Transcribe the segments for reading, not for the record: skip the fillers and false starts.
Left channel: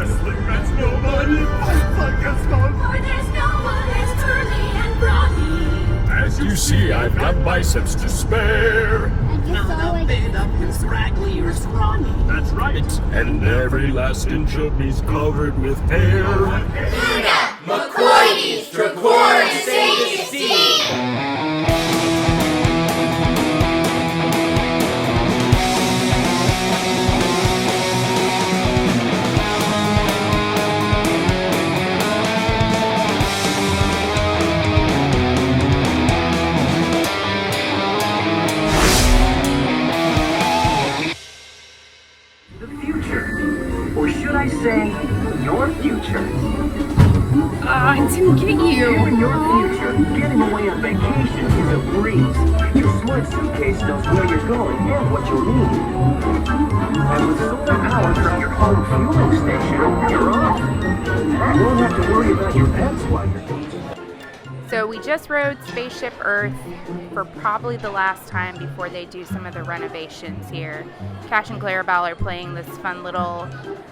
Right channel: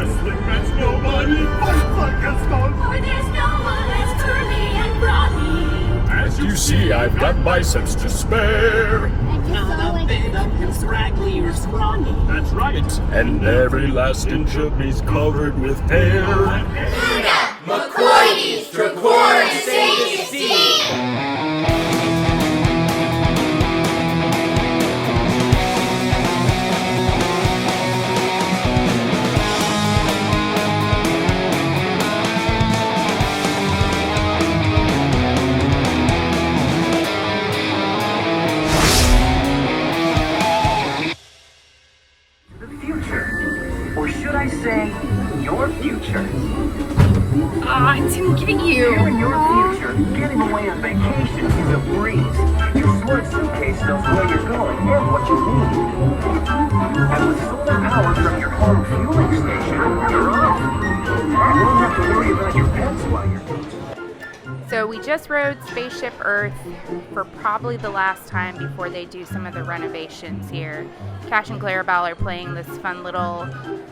wrestling match, nobody fights like a stone. For there's no one has turned me and brought me. As you see, I've got biceps to spare. They're not big up and scraggly or scrawny. That's right. And every last inch of me's covered with hair. Luna, McCoy, Tricor, and Sage Steve. Or should I say, your future? I didn't get you. You and your future, getting away on vacation is a breeze. Your smart suitcase knows where you're going and what you need. And with solar power from your home fueling station, you're off. You won't have to worry about your pets while you're gone. So we just rode Spaceship Earth for probably the last time before they do some of the renovations here. Cash and Clarabelle are playing this fun little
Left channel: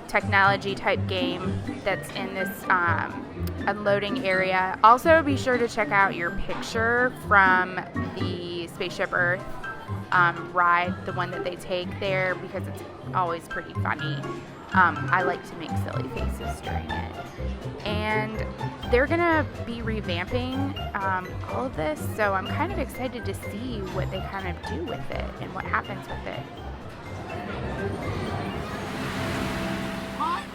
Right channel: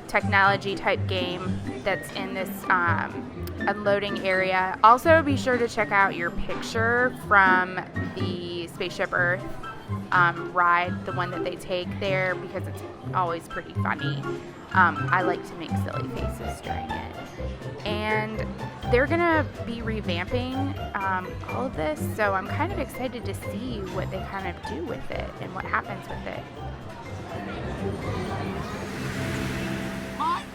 technology type game that's in this unloading area. Also, be sure to check out your picture from the Spaceship Earth ride, the one that they take there, because it's always pretty funny. I like to make silly faces during it. And they're gonna be revamping all of this, so I'm kind of excited to see what they kind of do with it and what happens with it.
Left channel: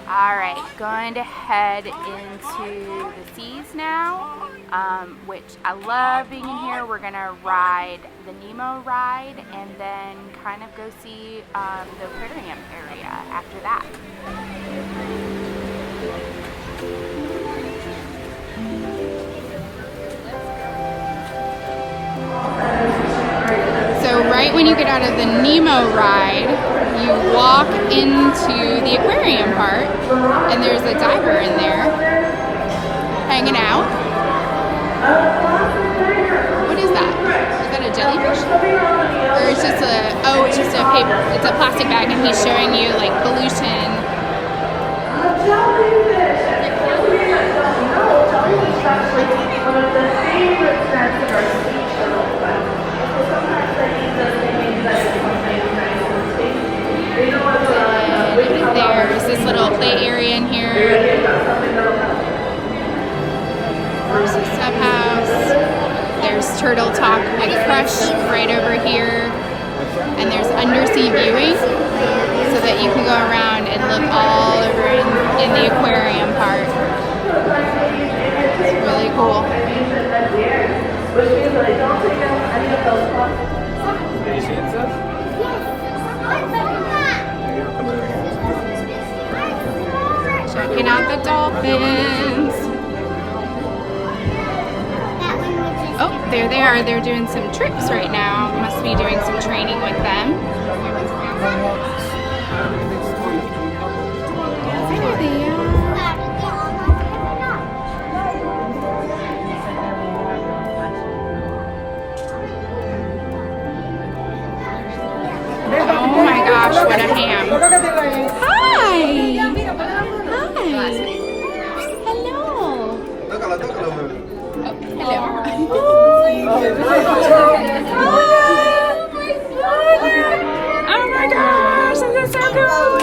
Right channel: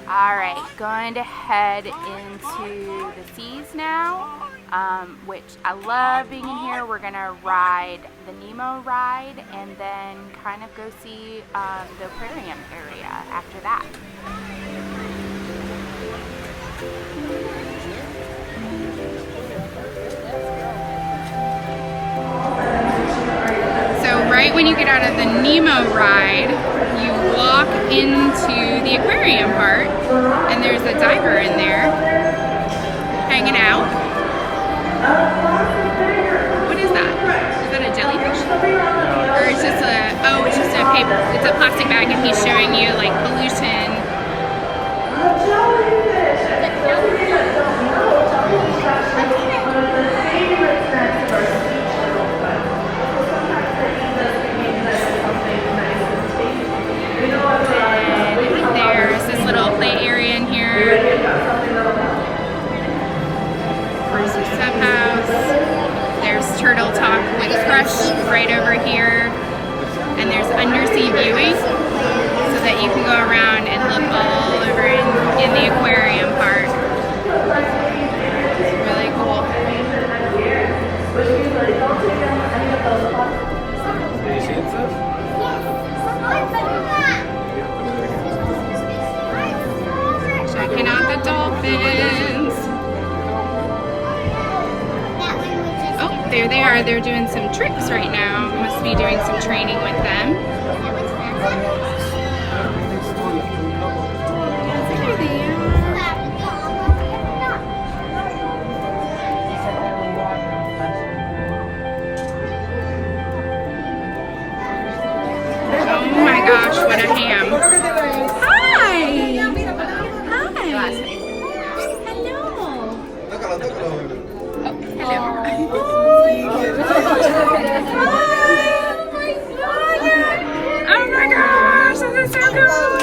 Alright, going to head into the seas now, which I love being in here. We're going to ride the Nemo ride and then kind of go see the aquarium area after that. So right when you get out of the Nemo ride, you walk into the aquarium part, and there's a diver in there hanging out. What is that? Is that a jellyfish? Or it's just it's just a paper, it's a plastic bag, and he's showing you like pollution. There's this little play area in here. There's a sub house. There's Turtle Talk Woody Crush right over here. And there's undersea viewing so that you can go around and look all over in the aquarium part. It's really cool. Checking out the dolphins. Oh, there they are. They're doing some tricks right now. Must be doing some training with them. There they are. Oh my gosh, what a ham. Hi! Hi! Oh my gosh, this is so cool!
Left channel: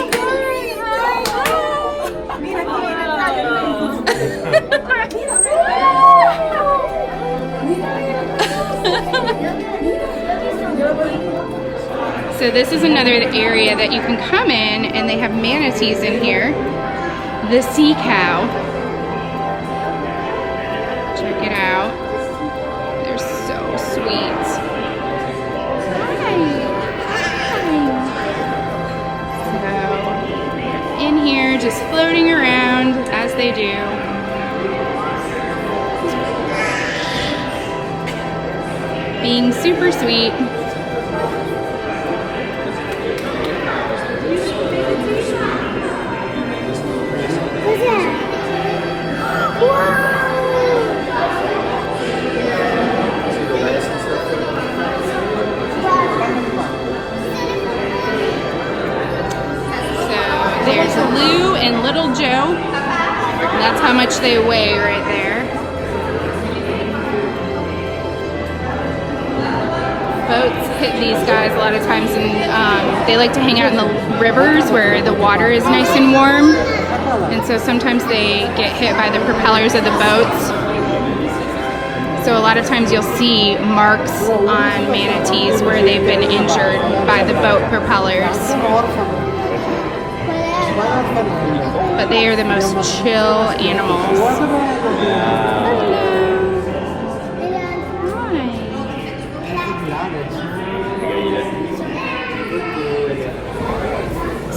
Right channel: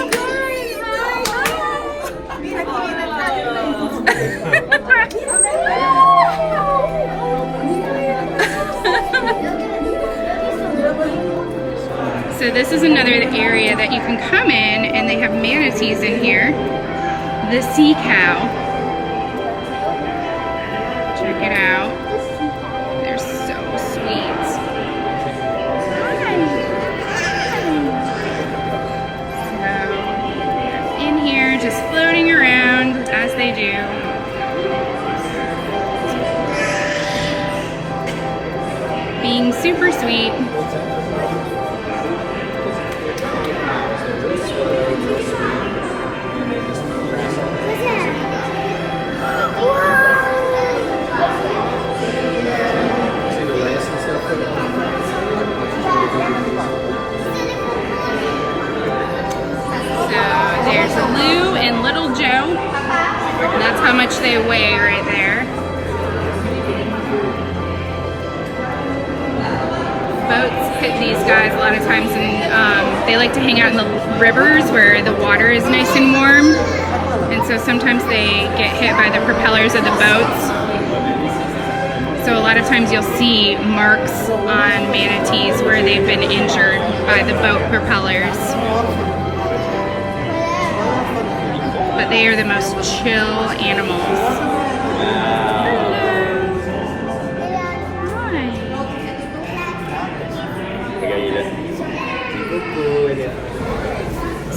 So this is another area that you can come in, and they have manatees in here. The sea cow. Check it out. They're so sweet. So, in here, just floating around as they do. Being super sweet. There's Lou and Little Joe. much they weigh right there. Boats hit these guys a lot of times, and they like to hang out in the rivers where the water is nice and warm, and so sometimes they get hit by the propellers of the boats. So a lot of times you'll see marks on manatees where they've been injured by the boat propellers. But they are the most chill animals.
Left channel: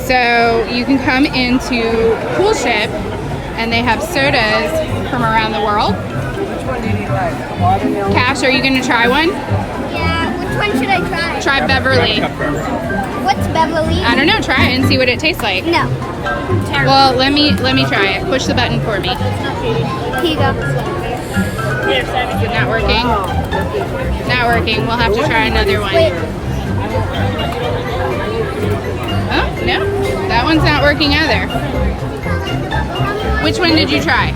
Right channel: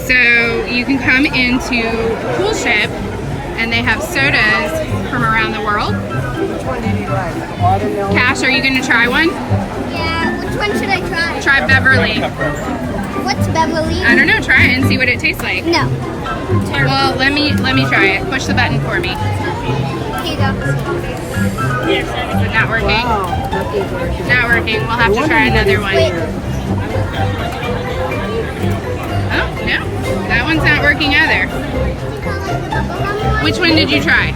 So you can come into Pool Ship, and they have sodas from around the world. Which one do you like? Watermelon? Cash, are you going to try one? Yeah, which one should I try? Try Beverly. What's Beverly? I don't know. Try it and see what it tastes like. No. Well, let me try it. Push the button for me. Here you go. Is it not working? Not working. We'll have to try another one. Wait. Oh, no. That one's not working either. Which one did you try?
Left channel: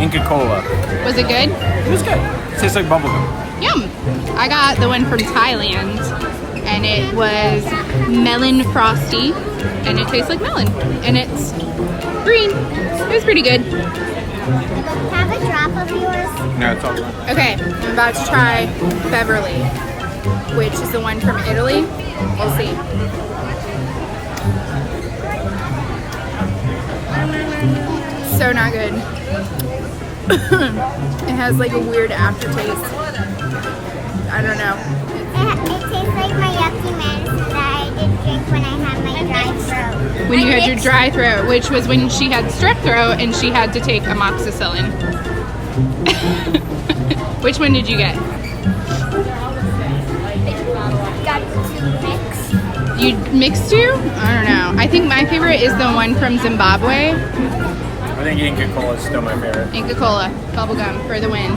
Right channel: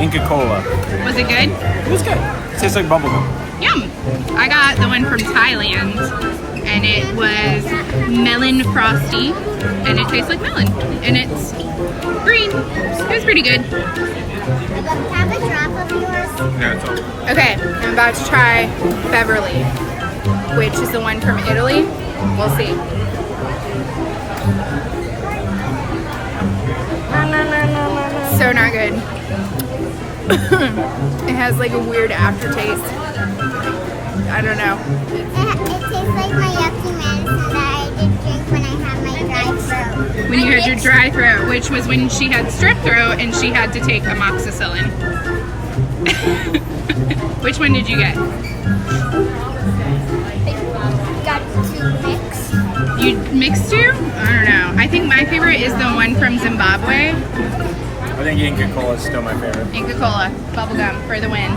Inca Cola. Was it good? It was good. It tastes like bubblegum. Yum. I got the one from Thailand, and it was melon frosty, and it tastes like melon, and it's green. It was pretty good. Have a drop of yours. No, it's all. Okay, I'm about to try Beverly, which is the one from Italy. We'll see. So not good. It has like a weird aftertaste. I don't know. It tastes like my yucky medicine that I did drink when I had my dry throat. When you had your dry throat, which was when she had strep throat and she had to take amoxicillin. Which one did you get? I got two mixed. You mixed two? I don't know. I think my favorite is the one from Zimbabwe. I think Inca Cola is still my favorite. Inca Cola, bubblegum for the win.